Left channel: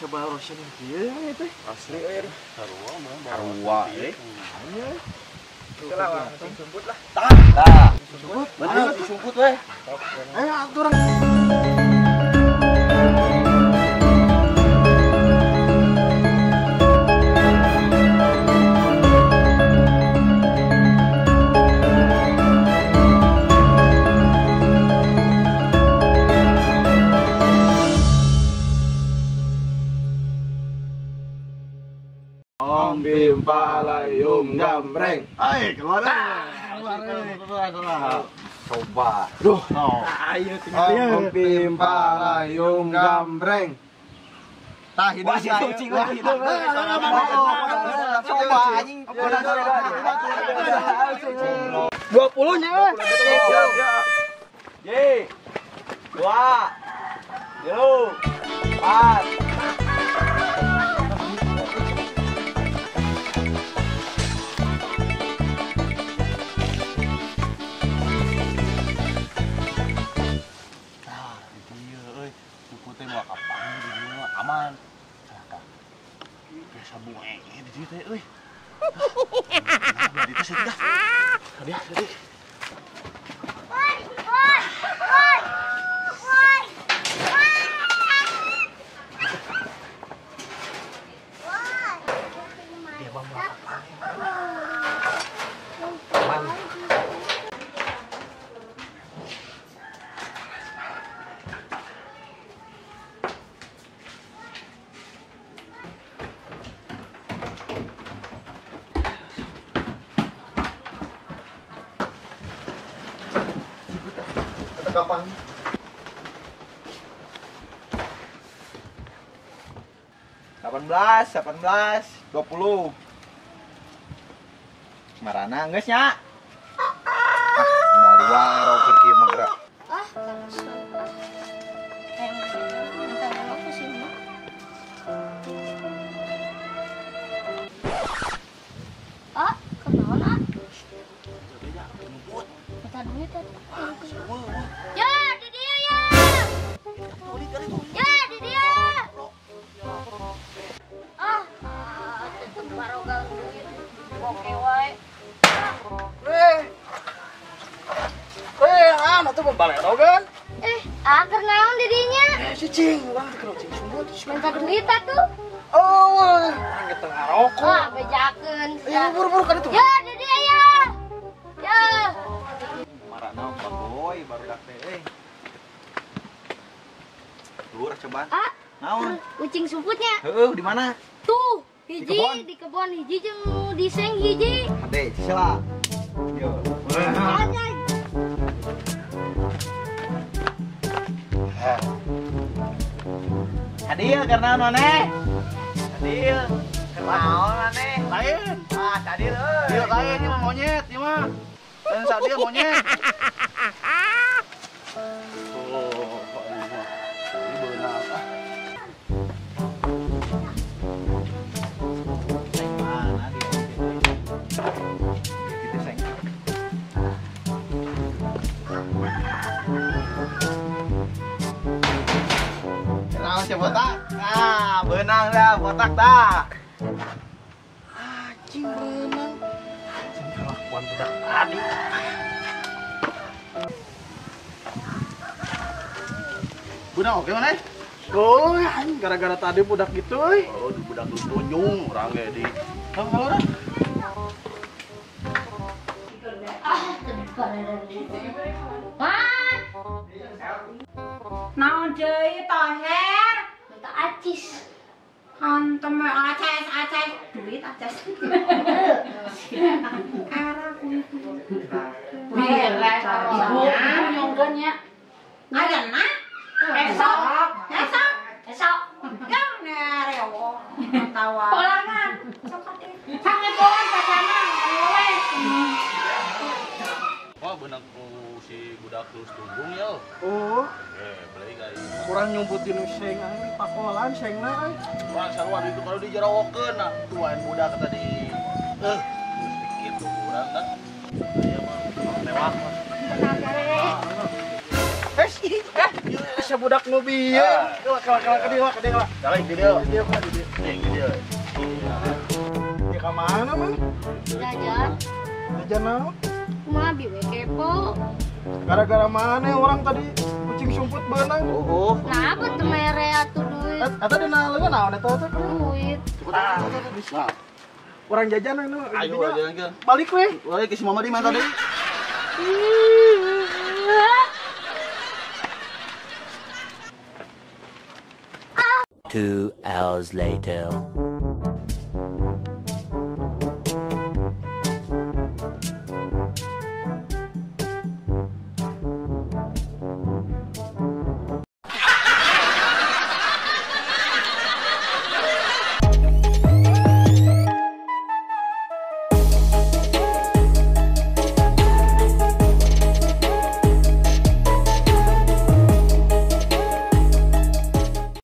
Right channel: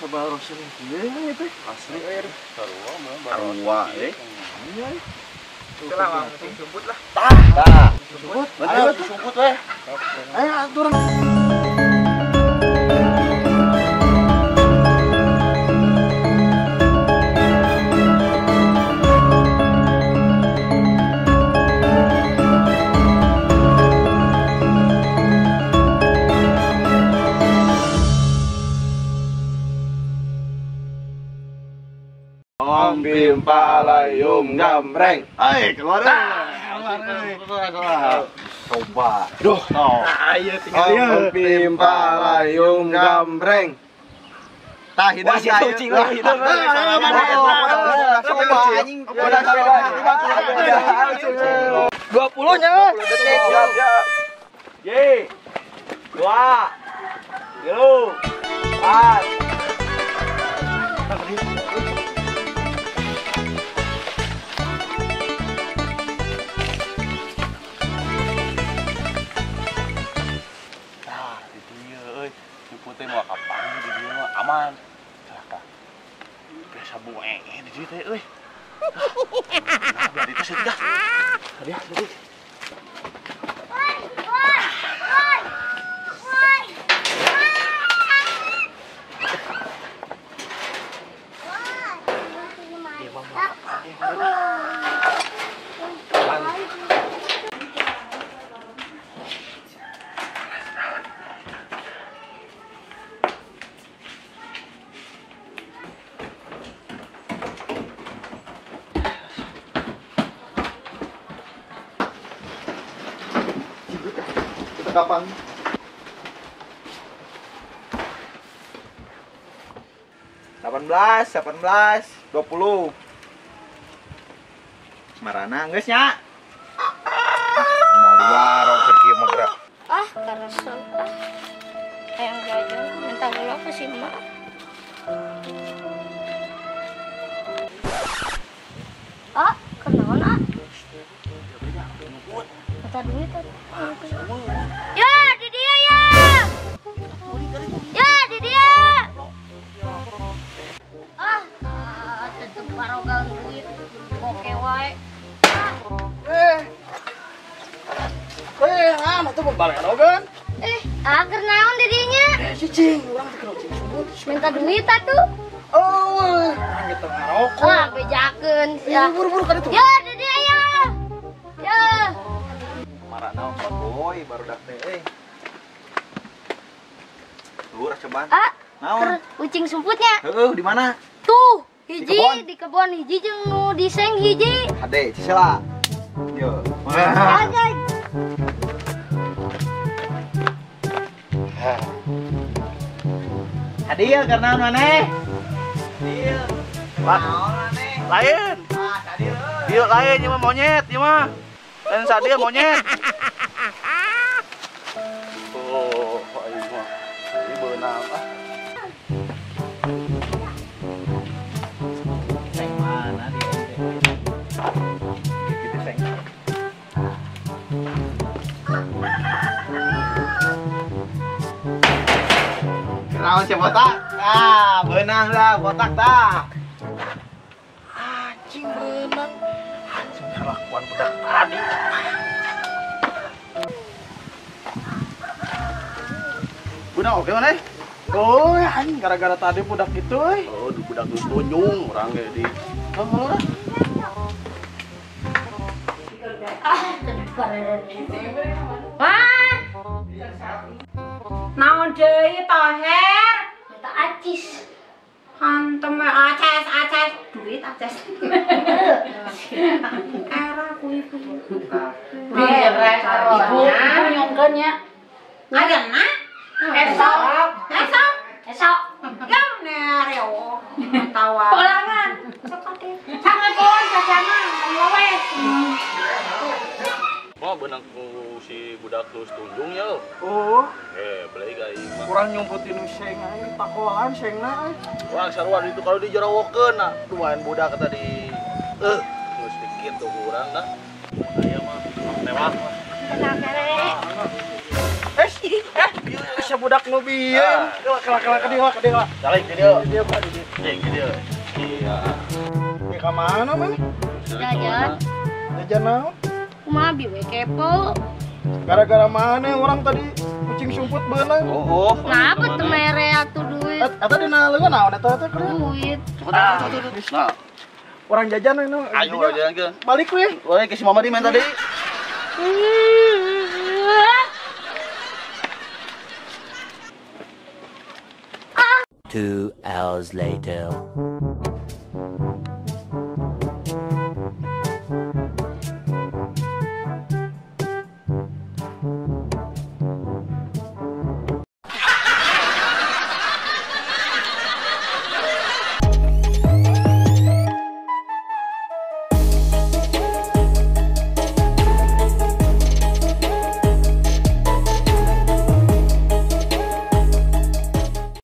sabar sih kieu teh. Asli euy. Sarua euy. Nya. Itu lah, penting sumput lah. Tah. Sumput. Ayo sumput we. Ayo aturan. Om Bim Palayum Gambreng. Ai, keluar. Coba. Duh. Ayo tinggal Om Bim Palayum Gambreng. Tah hidup sih cing lah. Coba anjing. 20 nya. Ye. 2 4 teh mau kapan di dieu mah aman. Celaka. Biasa bueng di dieu teh euy. Nah, bari teh sedah. Hadiah, hadiah. Dia mau kapan ini? Aman. Kapan? 18, 20. Marana geus nya? Mau di warung keur kieu mah geura. Karasa. Yang gajah minta gula ke si Mak. Kenaon Kata duit ya di dia ya. Ya di dia. Tetep barogang duit. Oke wae. Atuh pembalerogan. Keur naon di dinya? Cicing, urang teh keur cicing sumut. Minta duit atuh. Oh, urang ge teu ngarokok. Bejakeun. Buru-buru ka ditu. Ya di dia ya. Ya. Marana boy baru dak teh euy. Luar cobaan. Naon? Kucing sumputnya. Heueuh, di mana? Tuh, hiji di kebon hiji jeung nu di seng hiji. Ade, cisela. Yo. Anjay. Hadiah karena maneh. Hadiah. Lain. Dia lain ieu mah monyet, ieu mah. Lain sadia monyet. Oh, ieu mah. Ini beunang ah. Seng mana dia? Gitu seng. Kenal si botak? Nah, benang dah botak dah. Anjing benang. Anjing kelakuan budak tadi. Benang oke mana? Oh, anjing gara-gara tadi budak gitu euy. Oh, budak terus tunjung orang ge di. Kamu kalau dah. Naon deui toher? Minta acis. Hantem aces duit aces. Era kuy. Ibu nyongkeun nya. Ayeuna? Esok. Ya nereo. Tawa. Polangan. Sangat luar biasa we. Wah, benang ku si budak terus tunjung ya. Oh, Beli gak mah. kurang nyumputin seng aja, takolan sengna aja. Wah, sarua itu kalau dijarawokeun nah, duain budak kata di geus dikit tuh kurang dah. Aya mah mewah. Tenang kere. Eh, asa budak nu bieu. Kelak ka dieu. Jalan ke dia. Dia mah di dieu. Ke dia. Iya. Di ka mana mah? Jajan. Jajan naon? Kumaha bi we kepo. Gara-gara mana orang tadi kucing sumput beunang. Oh. Kenapa tuh mere atuh duit? Eta dina leungeun naon eta teh kuliah? Duit. Nah, Orang jajan nu. ayo jalan ke. Balik we. Wah, ke si Mama di main tadi. 2 hours later.